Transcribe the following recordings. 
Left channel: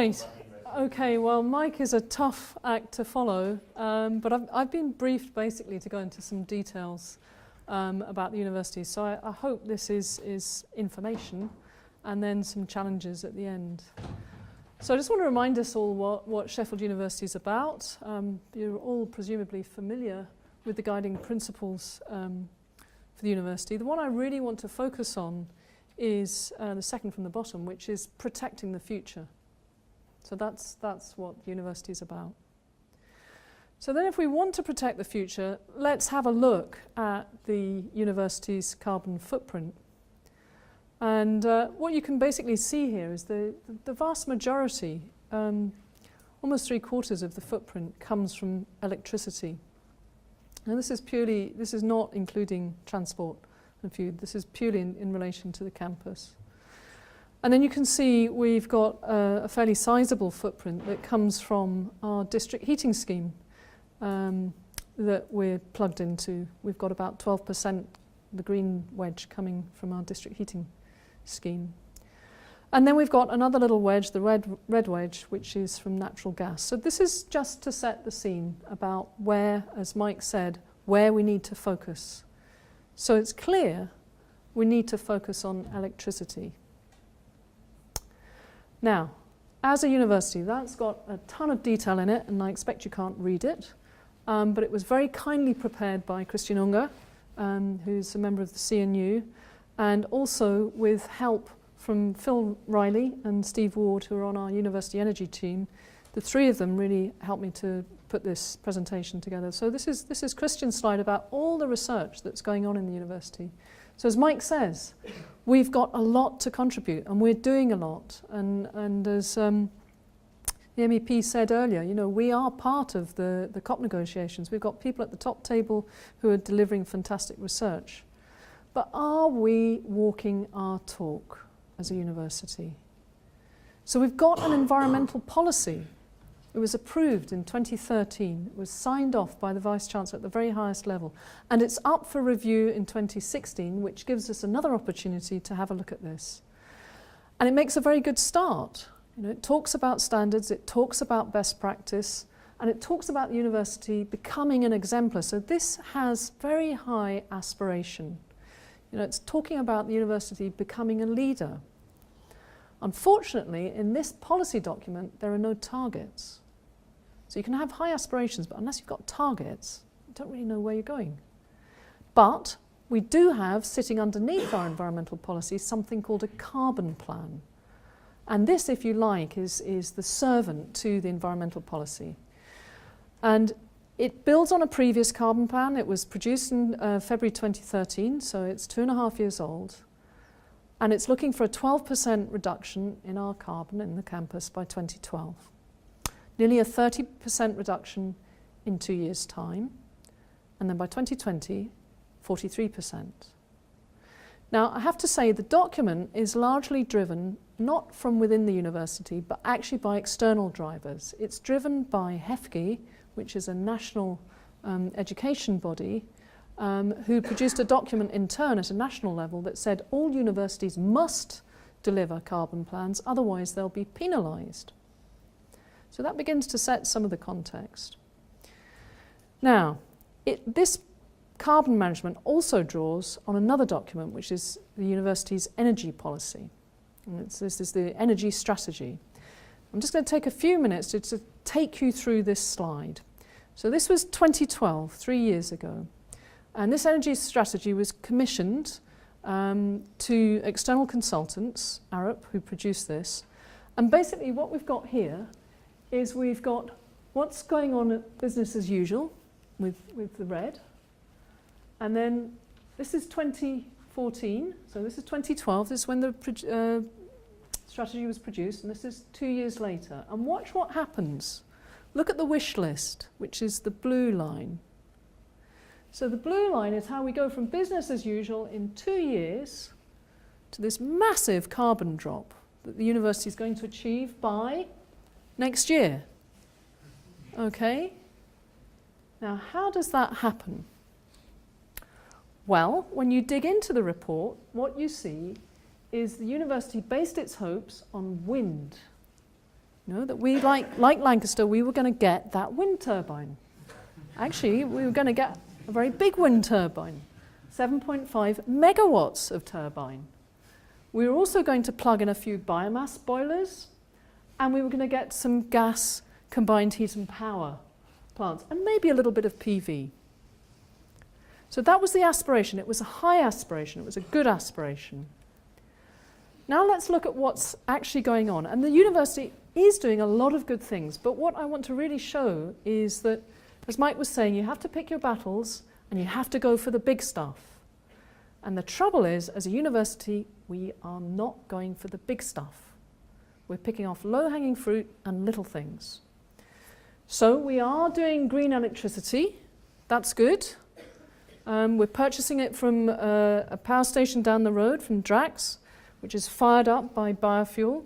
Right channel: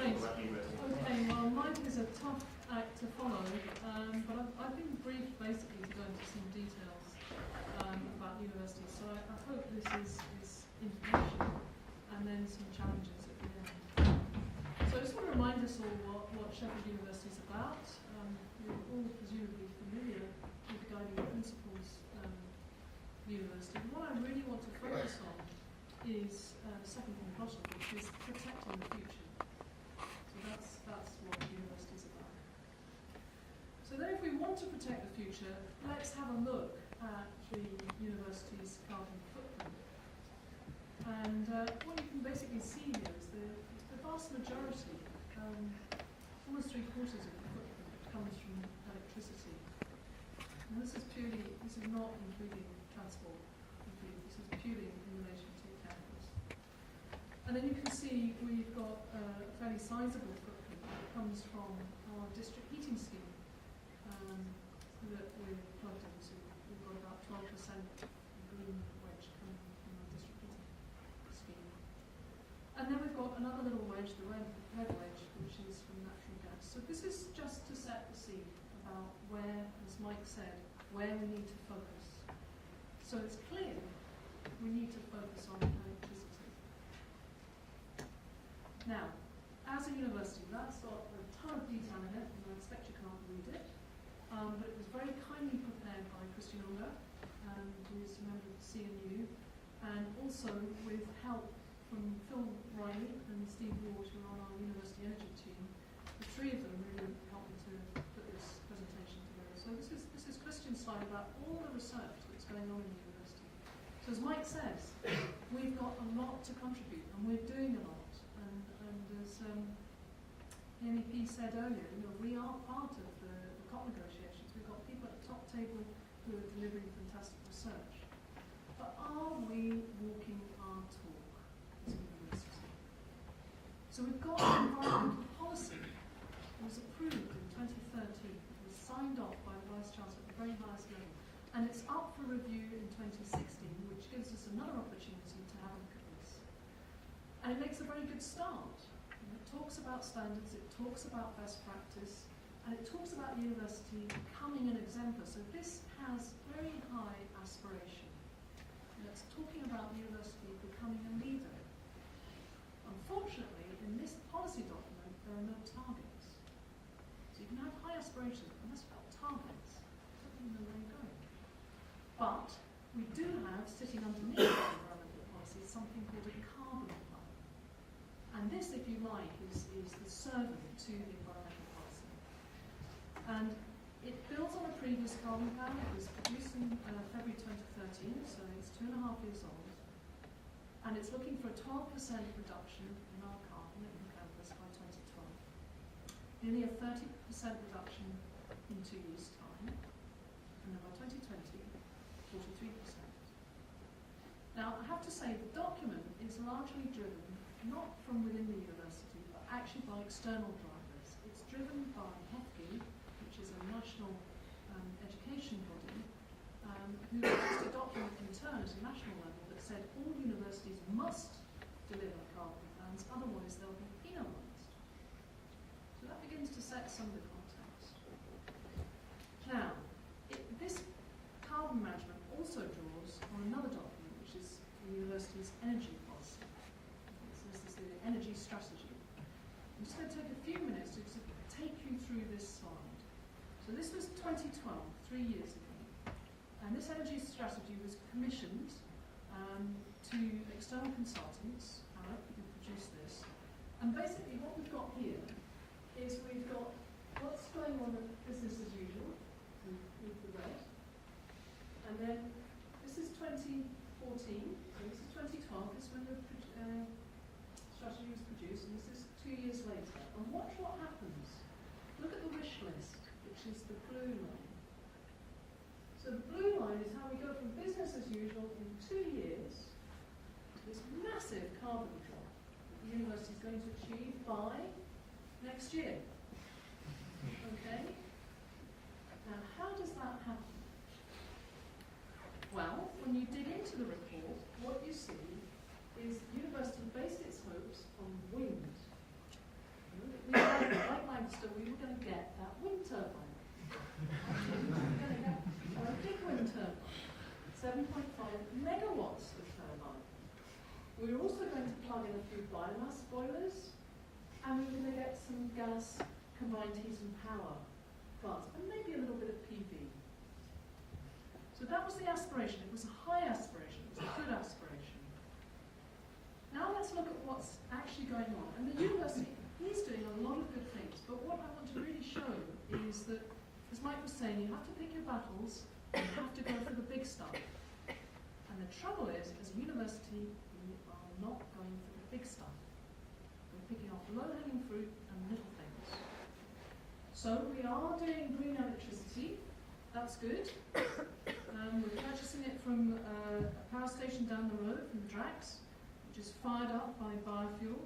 Great. Okay, well, Mike is a tough act to follow, but I've been briefed basically to go into some details about the university. So I hope this is information and then some challenges at the end. So I just want to remind us all what Sheffield University is about. You're all presumably familiar with the guiding principles for the university. The one I really want to focus on is the second from the bottom, which is protecting the future. So that's what the university is about. So then if we want to protect the future, let's have a look at the university's carbon footprint. And what you can basically see here is the vast majority, almost 3/4 of the footprint, comes from electricity. Now this is not including transport and food, this is purely in relation to the campus. And then you can see we've got a fairly sizable footprint that comes from our district heating scheme that we're plugged into. We've got about 12%, the green wedge, coming from our district heating scheme. And then we've got another little wedge, the red wedge, which is from natural gas. So this is just to set the scene about where, as Mike said, where we need to focus. So it's clear we need to focus on electricity. Now, as a university, that's got a ton of detail in it, and I expect you can't read it, but it was very kindly prepared by Christian Unger, who's a member of the CNU, and also with help from Phil Riley and Steve Ward, who are on our university energy team. The three of them really helped me to put this presentation together. So this is Christian's slide about all the research that's going on in the university. So as Mike says, we've got a lot to contribute, and we're doing a lot. And as the MEP said earlier, you know, we are part of the COP negotiations. We've got people at the top table who are delivering fantastic research. But are we walking our talk as a university? So we've got an environmental policy. It was approved in 2013. It was signed off by the Vice-Chancellor at the very highest level. And it's up for review in 2016, which gives us another opportunity to have a look at this. And it makes a very good start. You know, it talks about standards, it talks about best practice, and it talks about the university becoming an exemplar. So this has very high aspiration. You know, it's talking about the university becoming a leader. Unfortunately, in this policy document, there are no targets. So you can have high aspirations, but unless you've got targets, you don't really know where you're going. But we do have, sitting underneath our environmental policy, something called a carbon plan. And this, if you like, is the servant to the environmental policy. And it builds on a previous carbon plan. It was produced in February 2013, so it's 2.5 years old. And it's looking for a 12% reduction in our carbon in the campus by 2012. Nearly a 30% reduction in 2 years' time. And then by 2020, 43%. Now, I have to say the document is largely driven not from within the university, but actually by external drivers. It's driven by HEFGE, which is a national education body, who produced a document in turn at a national level that said all universities must deliver carbon plans, otherwise they'll be penalised. So that begins to set some of the context. Now, this carbon management also draws on another document, which is the university's energy policy. And this is the energy strategy. I'm just going to take a few minutes to take you through this slide. So this was 2012, 3 years ago. And this energy strategy was commissioned to external consultants, Arup, who produced this. And basically what we've got here is we've got what's going on at business as usual with the red. And then this is 2014, so this is 2012. This is when the strategy was produced, and this is 2 years later. And watch what happens. Look at the wish list, which is the blue line. So the blue line is how we go from business as usual in 2 years to this massive carbon drop that the university is going to achieve by next year. Okay? Now, how does that happen? Well, when you dig into the report, what you see is the university based its hopes on wind. You know, that we, like Lancaster, we were going to get that wind turbine. Actually, we were going to get a very big wind turbine, 7.5 megawatts of turbine. We were also going to plug in a few biomass boilers, and we were going to get some gas combined heat and power plants, and maybe a little bit of PV. So that was the aspiration. It was a high aspiration. It was a good aspiration. Now let's look at what's actually going on. And the university is doing a lot of good things, but what I want to really show is that, as Mike was saying, you have to pick your battles and you have to go for the big stuff. And the trouble is, as a university, we are not going for the big stuff. We're picking off low-hanging fruit and little things. So we are doing green electricity. That's good. We're purchasing it from a power station down the road from Drax, which is fired up by biofuel.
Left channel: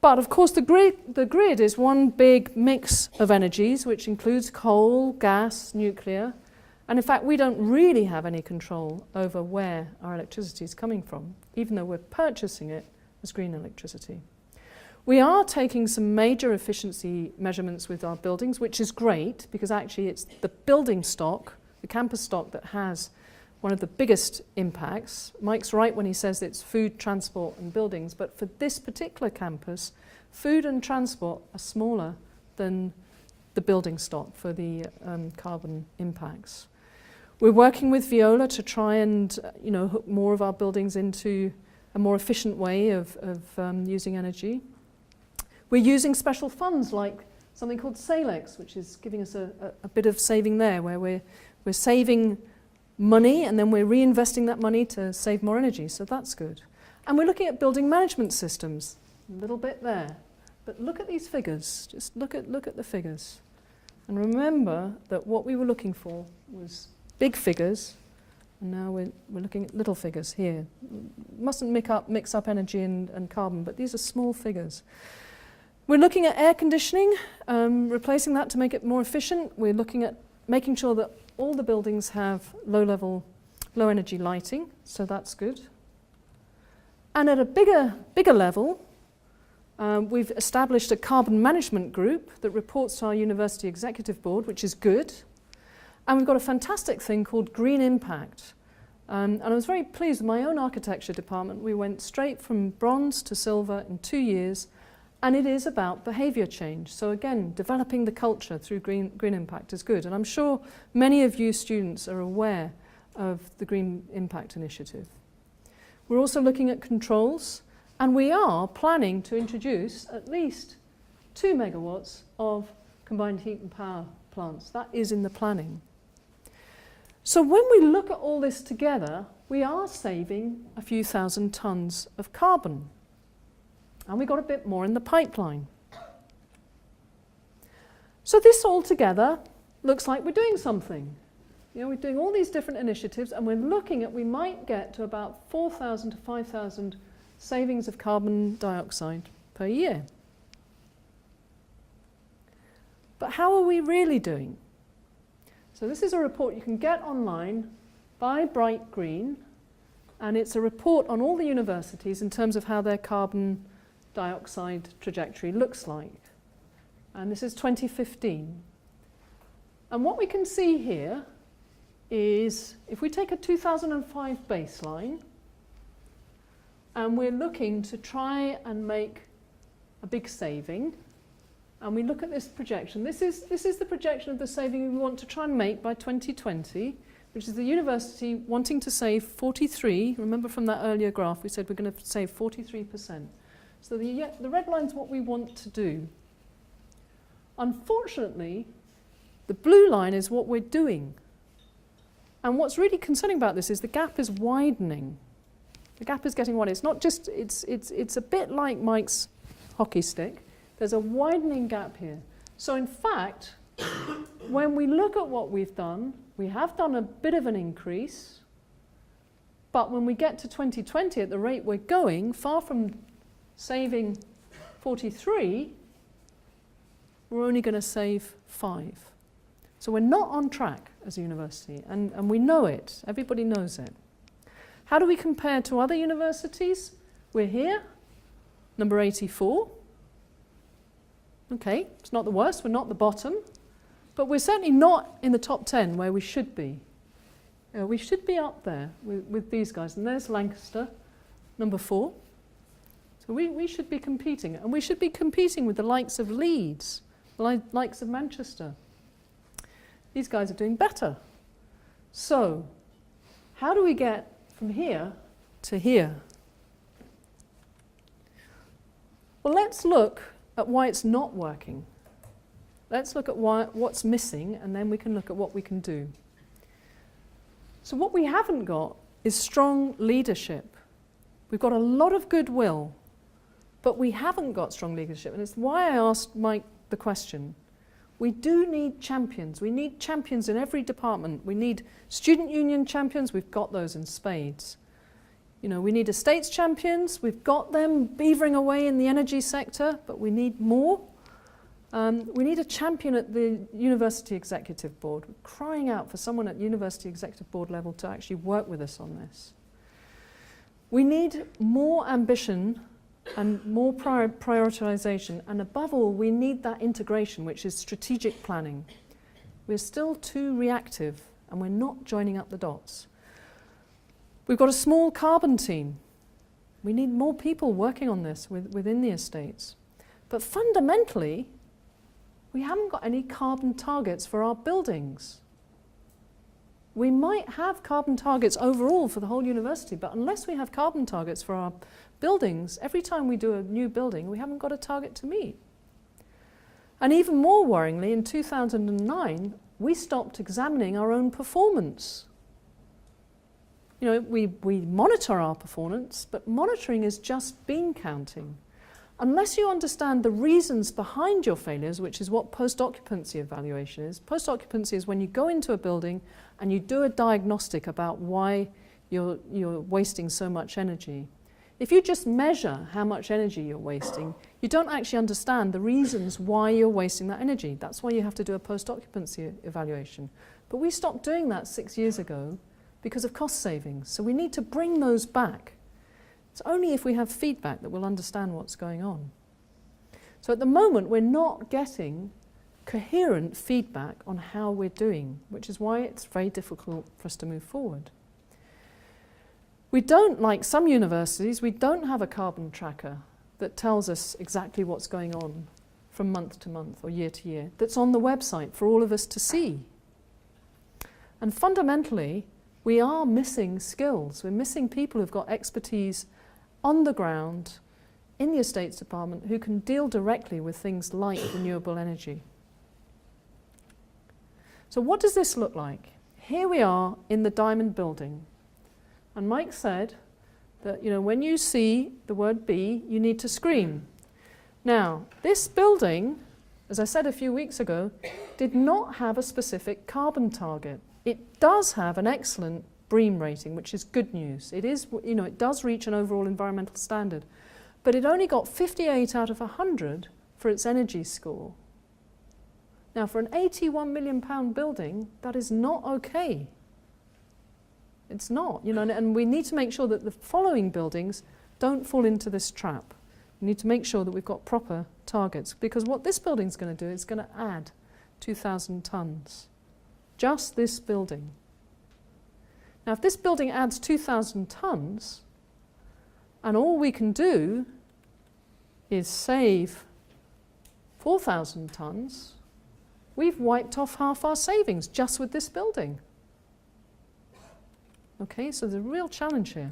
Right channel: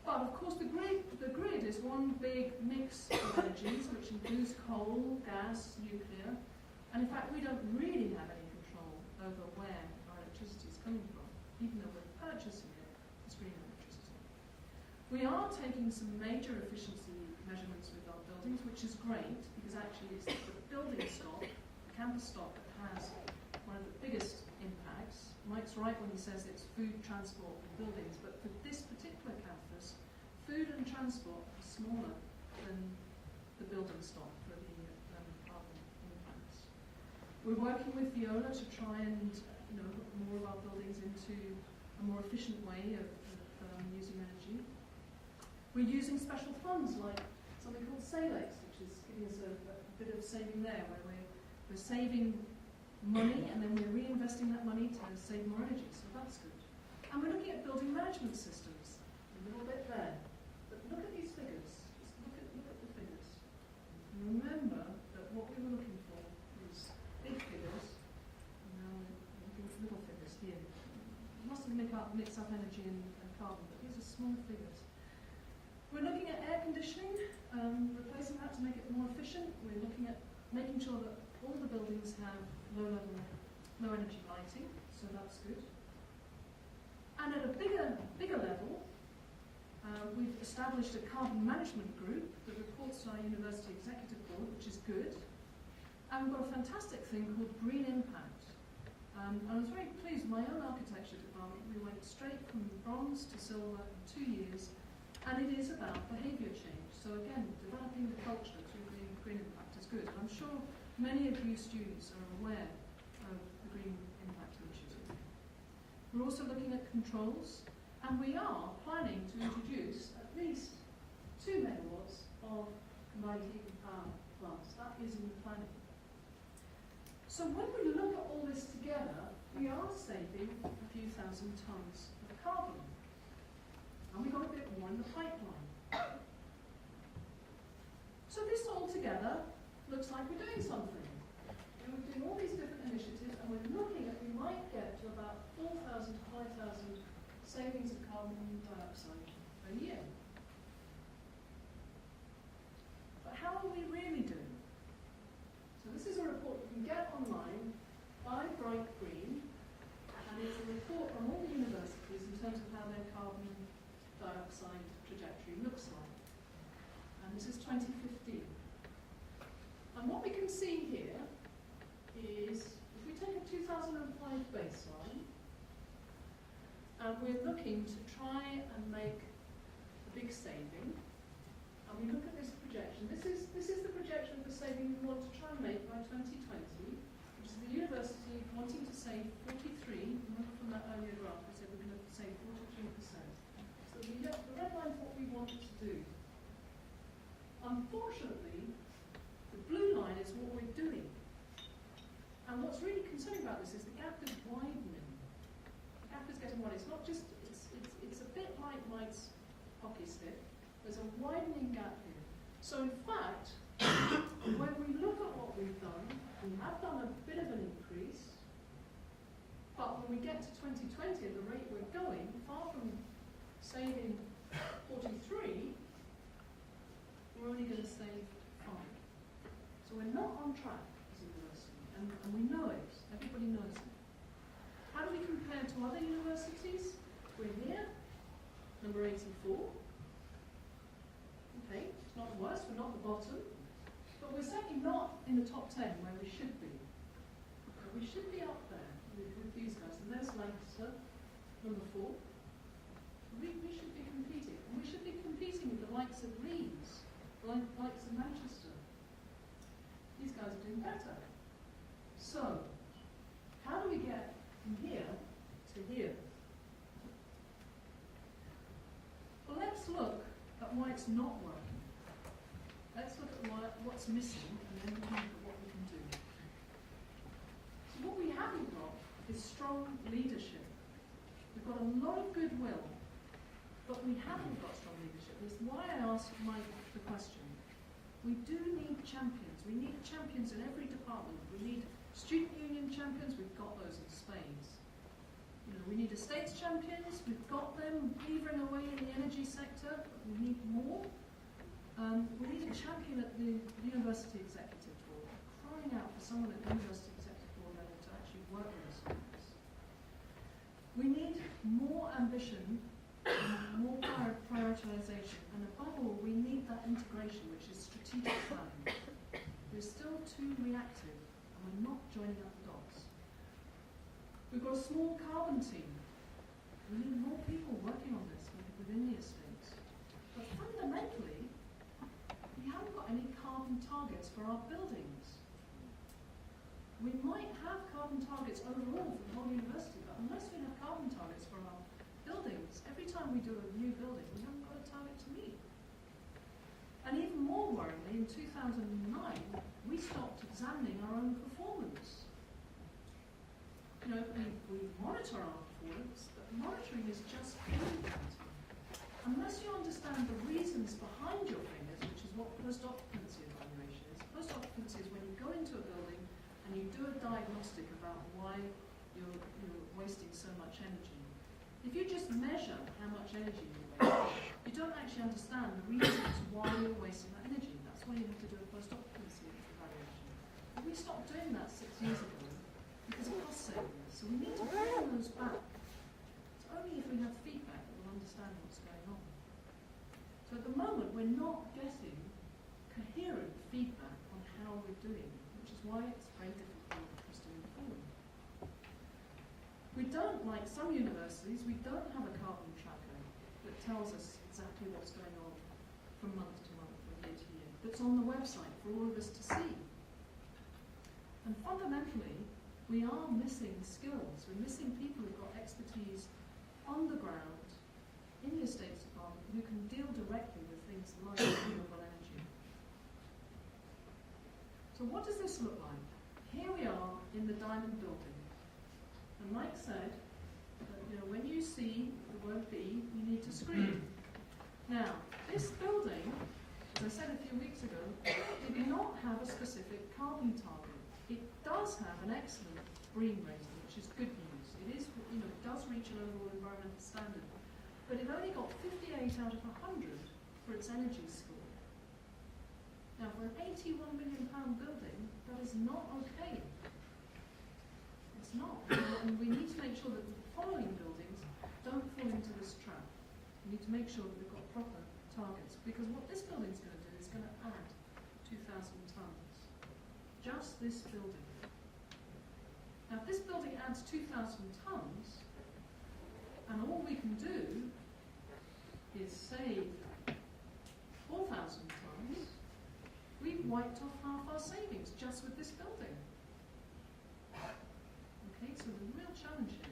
But of course the grid is one big mix of energies, which includes coal, gas, nuclear. And in fact, we don't really have any control over where our electricity is coming from, even though we're purchasing it as green electricity. We are taking some major efficiency measurements with our buildings, which is great, because actually it's the building stock, the campus stock, that has one of the biggest impacts. Mike's right when he says it's food, transport and buildings, but for this particular campus, food and transport are smaller than the building stock for the carbon impacts. We're working with Veolia to try and hook more of our buildings into a more efficient way of using energy. We're using special funds like something called Salex, which is giving us a bit of saving there, where we're saving money and then we're reinvesting that money to save more energy, so that's good. And we're looking at building management systems, a little bit there. But look at these figures, just look at the figures. And remember that what we were looking for was big figures, and now we're looking at little figures here. Mustn't mix up energy and carbon, but these are small figures. We're looking at air conditioning, replacing that to make it more efficient. We're looking at making sure that all the buildings have low energy lighting, so that's good. And at a bigger level, we've established a carbon management group that reports to our university executive board, which is good. And we've got a fantastic thing called Green Impact. And I was very pleased with my own architecture department. We went straight from bronze to silver in 2 years, and it is about behaviour change. So again, developing the culture through Green Impact is good. And I'm sure many of you students are aware of the Green Impact Initiative. We're also looking at controls, and we are planning to introduce at least 2 megawatts of combined heat and power plants. That is in the planning. So when we look at all this together, we are saving a few thousand tonnes of carbon. And we got a bit more in the pipeline. So this all together looks like we're doing something. We're doing all these different initiatives, and we're looking at, we might get to about 4,000 to 5,000 savings of carbon dioxide per year. But how are we really doing? So this is a report you can get online by Bright Green, and it's a report on all the universities in terms of how their carbon dioxide trajectory looks like. And this is 2015. And what we can see here is, if we take a 2005 baseline, and we're looking to try and make a big saving, and we look at this projection. This is the projection of the saving we want to try and make by 2020, which is the university wanting to save 43. Remember from that earlier graph, we said we're going to save 43%. So the red line is what we want to do. Unfortunately, the blue line is what we're doing. And what's really concerning about this is the gap is widening. The gap is getting wider. It's not just, it's a bit like Mike's hockey stick. There's a widening gap here. So in fact, when we look at what we've done, we have done a bit of an increase, but when we get to 2020 at the rate we're going, far from saving 43, we're only going to save 5. So we're not on track as a university, and we know it. Everybody knows it. How do we compare to other universities? We're here, number 84. Okay, it's not the worst, we're not the bottom, but we're certainly not in the top 10 where we should be. We should be up there with these guys. And there's Lancaster, number 4. So we should be competing. And we should be competing with the likes of Leeds, the likes of Manchester. These guys are doing better. So, how do we get from here to here? Well, let's look at why it's not working. Let's look at what's missing, and then we can look at what we can do. So what we haven't got is strong leadership. We've got a lot of goodwill, but we haven't got strong leadership. And it's why I asked Mike the question. We do need champions. We need champions in every department. We need student union champions. We've got those in spades. You know, we need estates champions. We've got them beavering away in the energy sector, but we need more. We need a champion at the University Executive Board. We're crying out for someone at University Executive Board level to actually work with us on this. We need more ambition and more prioritisation, and above all, we need that integration, which is strategic planning. We're still too reactive, and we're not joining up the dots. We've got a small carbon team. We need more people working on this within the estates. But fundamentally, we haven't got any carbon targets for our buildings. We might have carbon targets overall for the whole university, but unless we have carbon targets for our buildings, every time we do a new building, we haven't got a target to meet. And even more worryingly, in 2009, we stopped examining our own performance. You know, we monitor our performance, but monitoring is just bean counting. Unless you understand the reasons behind your failures, which is what post-occupancy evaluation is. Post-occupancy is when you go into a building and you do a diagnostic about why you're wasting so much energy. If you just measure how much energy you're wasting, you don't actually understand the reasons why you're wasting that energy. That's why you have to do a post-occupancy evaluation. But we stopped doing that 6 years ago because of cost savings. So we need to bring those back. It's only if we have feedback that we'll understand what's going on. So at the moment, we're not getting coherent feedback on how we're doing, which is why it's very difficult for us to move forward. We don't, like some universities, we don't have a carbon tracker that tells us exactly what's going on from month to month or year to year, that's on the website for all of us to see. And fundamentally, we are missing skills. We're missing people who've got expertise on the ground in the estates department who can deal directly with things like renewable energy. So what does this look like? Here we are in the Diamond building. And Mike said that, you know, when you see the word B, you need to scream. Now, this building, as I said a few weeks ago, did not have a specific carbon target. It does have an excellent BREEAM rating, which is good news. It is, you know, it does reach an overall environmental standard, but it only got 58 out of 100 for its energy score. Now, for an £81 million building, that is not okay. It's not, you know, and we need to make sure that the following buildings don't fall into this trap. We need to make sure that we've got proper targets, because what this building's going to do is going to add 2,000 tonnes. Just this building. Now, if this building adds 2,000 tonnes, and all we can do is save 4,000 tonnes, we've wiped off half our savings just with this building. Okay, so there's a real challenge here.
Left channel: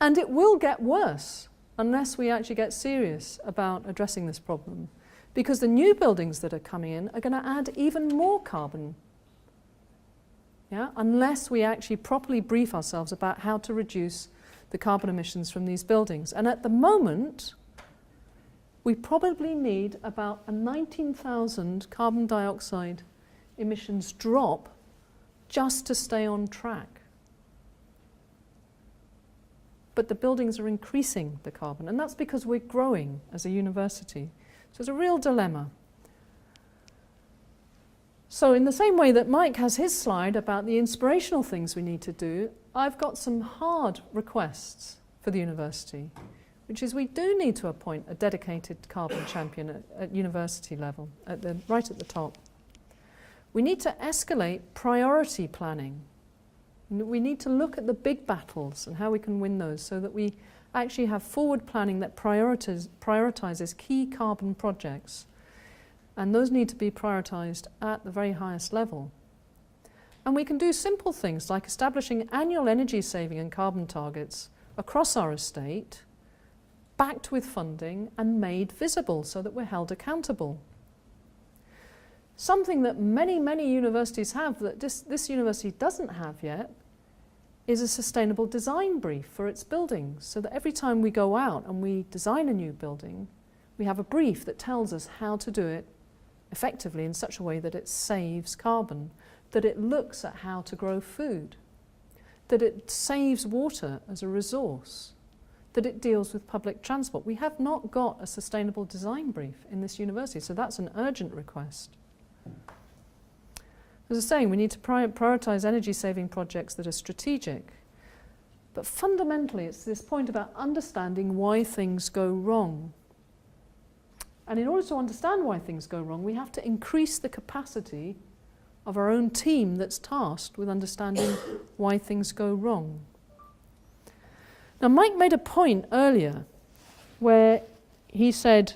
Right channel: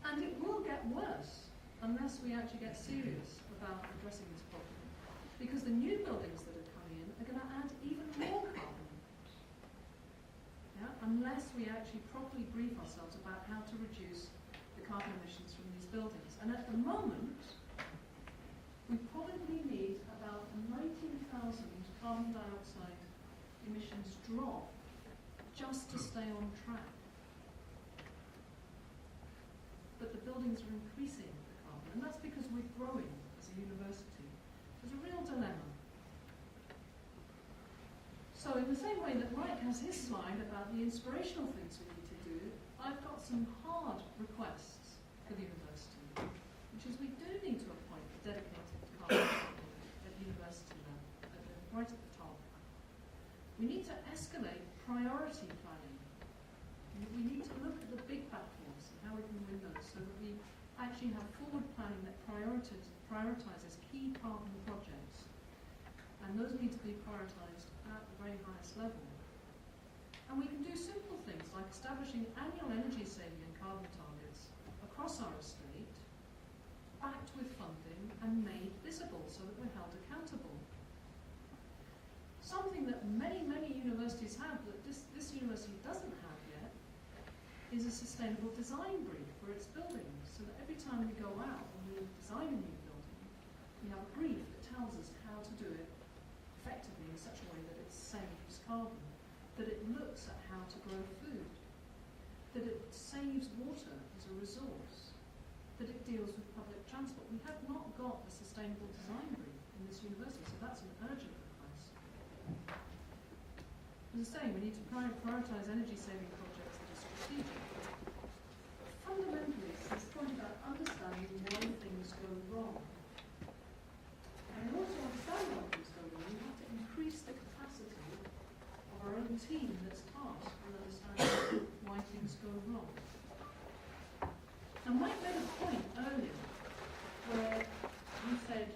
And it will get worse unless we actually get serious about addressing this problem, because the new buildings that are coming in are going to add even more carbon. Yeah? Unless we actually properly brief ourselves about how to reduce the carbon emissions from these buildings. And at the moment, we probably need about a 19,000 carbon dioxide emissions drop just to stay on track. But the buildings are increasing the carbon, and that's because we're growing as a university. So it's a real dilemma. So in the same way that Mike has his slide about the inspirational things we need to do, I've got some hard requests for the university. which is we do need to appoint a dedicated carbon champion at university level, right at the top. We need to escalate priority planning. We need to look at the big battles and how we can win those so that we actually have forward planning that prioritizes key carbon projects. And those need to be prioritized at the very highest level. And we can do simple things like establishing annual energy saving and carbon targets across our estate, backed with funding and made visible so that we're held accountable. Something that many, many universities have that this university doesn't have yet is a sustainable design brief for its buildings, so that every time we go out and we design a new building, we have a brief that tells us how to do it effectively in such a way that it saves carbon, that it looks at how to grow food, that it saves water as a resource, that it deals with public transport. We have not got a sustainable design brief in this university, so that's an urgent request. As I was saying, we need to prioritise energy-saving projects that are strategic. But fundamentally, it's this point about understanding why things go wrong. And in order to understand why things go wrong, we have to increase the capacity of our own team that's tasked with understanding why things go wrong. Now, Mike made a point earlier where he said,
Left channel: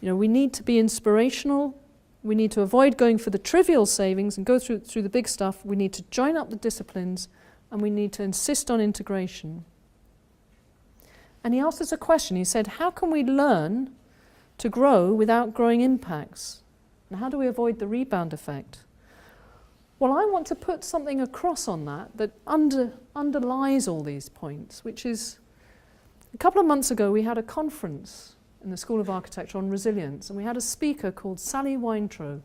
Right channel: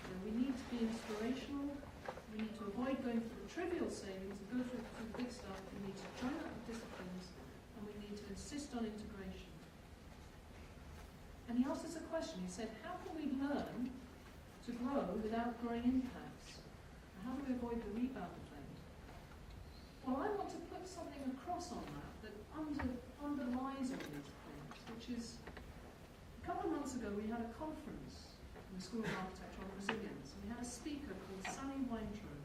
you know, we need to be inspirational. We need to avoid going for the trivial savings and go through the big stuff. We need to join up the disciplines and we need to insist on integration. And he asked us a question. He said, how can we learn to grow without growing impacts? And how do we avoid the rebound effect? Well, I want to put something across on that underlies all these points, which is a couple of months ago we had a conference in the School of Architecture on resilience, and we had a speaker called Sally Weintraub,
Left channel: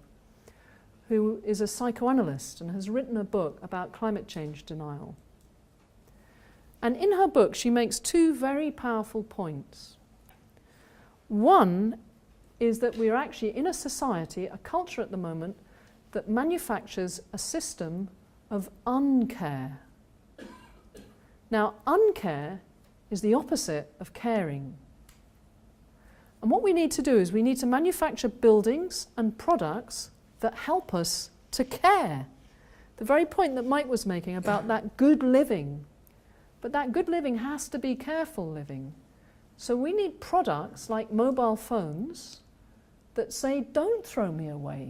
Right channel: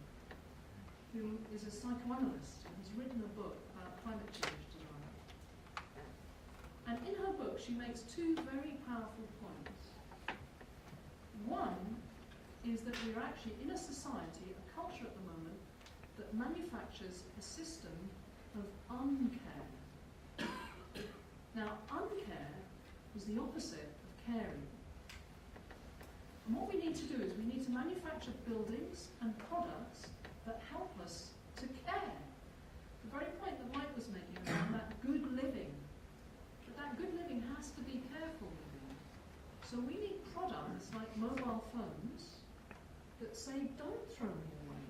who is a psychoanalyst and has written a book about climate change denial. And in her book she makes two very powerful points. One is that we're actually in a society, a culture at the moment, that manufactures a system of uncare. Now, uncare is the opposite of caring. And what we need to do is we need to manufacture buildings and products that help us to care. The very point that Mike was making about that good living. But that good living has to be careful living. So we need products like mobile phones that say, don't throw me away.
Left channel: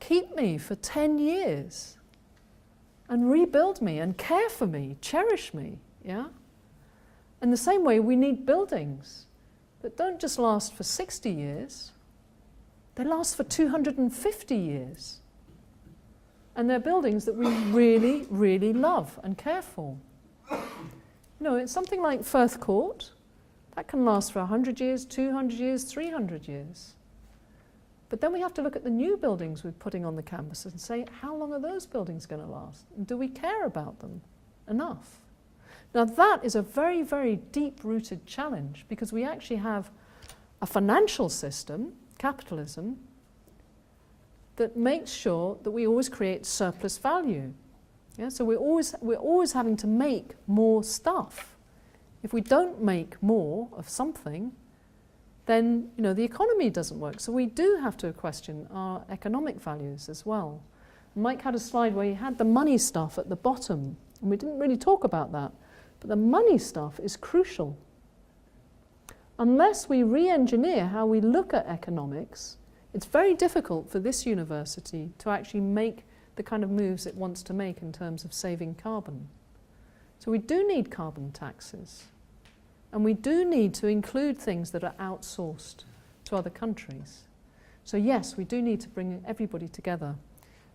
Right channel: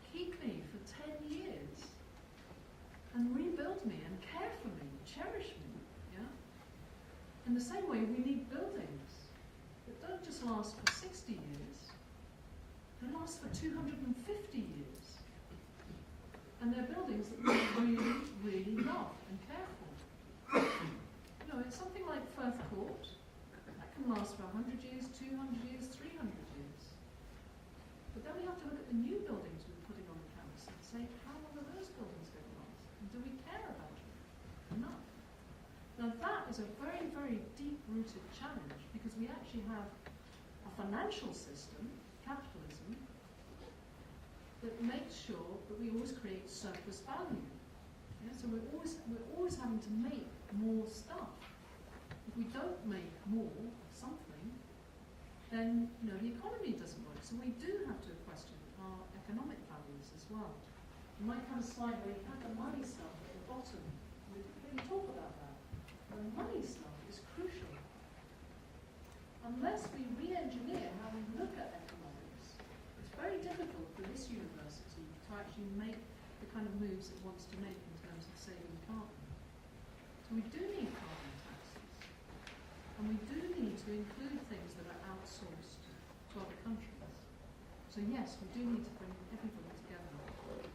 Keep me for 10 years and rebuild me and care for me, cherish me, yeah? In the same way, we need buildings that don't just last for 60 years, they last for 250 years. And they're buildings that we really, really love and care for. You know, it's something like Firth Court, that can last for 100 years, 200 years, 300 years. But then we have to look at the new buildings we're putting on the campus and say, how long are those buildings going to last? And do we care about them enough? Now that is a very, very deep-rooted challenge, because we actually have a financial system, capitalism, that makes sure that we always create surplus value. Yeah? So we're always having to make more stuff. If we don't make more of something, then the economy doesn't work. So we do have to question our economic values as well. Mike had a slide where he had the money stuff at the bottom, and we didn't really talk about that. But the money stuff is crucial. Unless we re-engineer how we look at economics, it's very difficult for this university to actually make the kind of moves it wants to make in terms of saving carbon. So we do need carbon taxes. And we do need to include things that are outsourced to other countries. So yes, we do need to bring everybody together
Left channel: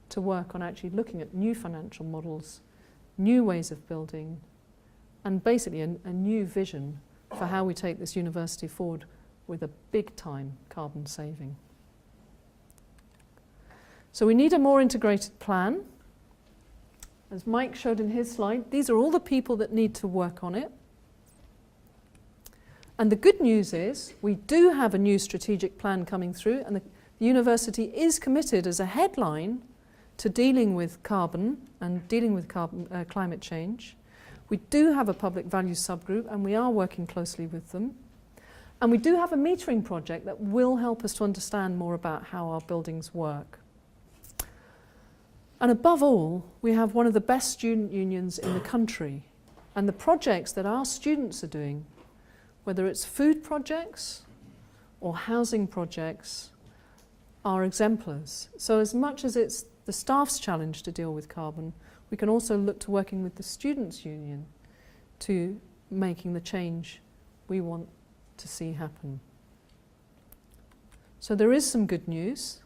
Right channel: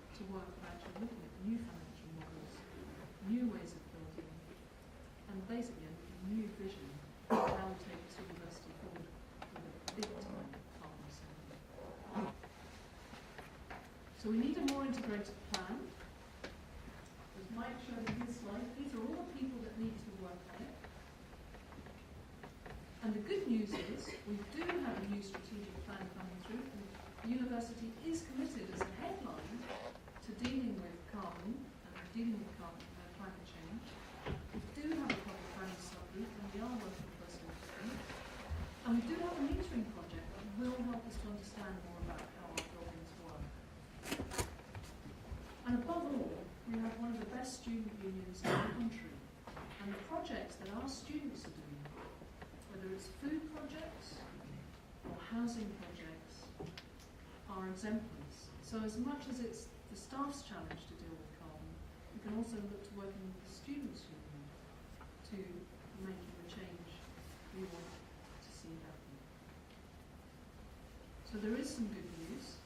to work on actually looking at new financial models, new ways of building, and basically a new vision for how we take this university forward with a big-time carbon saving. So we need a more integrated plan. As Mike showed in his slide, these are all the people that need to work on it. And the good news is we do have a new strategic plan coming through, and the university is committed as a headline to dealing with carbon and dealing with climate change. We do have a public values subgroup, and we are working closely with them. And we do have a metering project that will help us to understand more about how our buildings work. And above all, we have one of the best student unions in the country. And the projects that our students are doing, whether it's food projects or housing projects, are exemplars. So as much as it's the staff's challenge to deal with carbon, we can also look to working with the students' union to making the change we want to see happen. So there is some good news,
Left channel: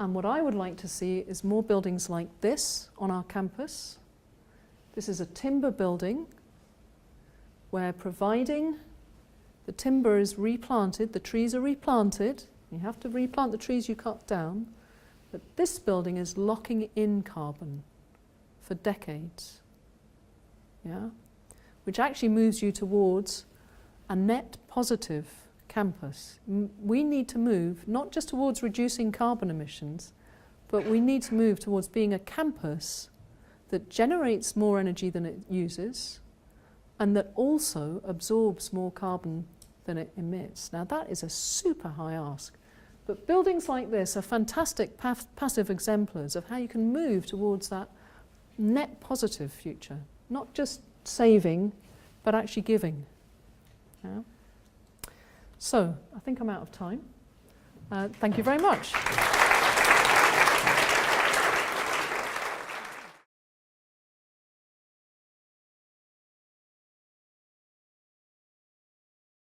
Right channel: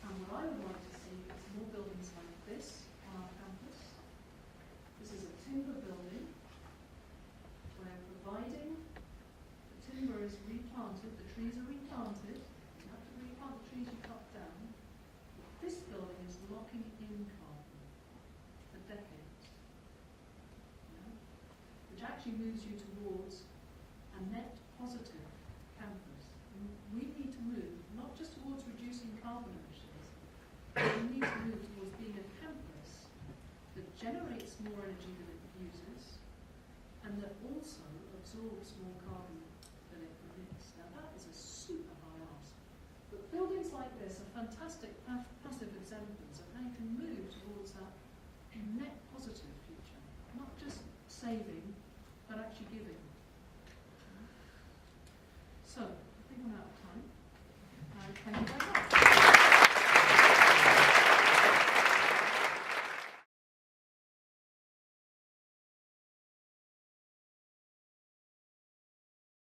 and what I would like to see is more buildings like this on our campus. This is a timber building where, providing the timber is replanted, the trees are replanted, you have to replant the trees you cut down, but this building is locking in carbon for decades, yeah? Which actually moves you towards a net positive campus. We need to move not just towards reducing carbon emissions, but we need to move towards being a campus that generates more energy than it uses and that also absorbs more carbon than it emits. Now that is a super high ask, but buildings like this are fantastic passive exemplars of how you can move towards that net positive future, not just saving, but actually giving. Yeah? So, I think I'm out of time. Thank you very much.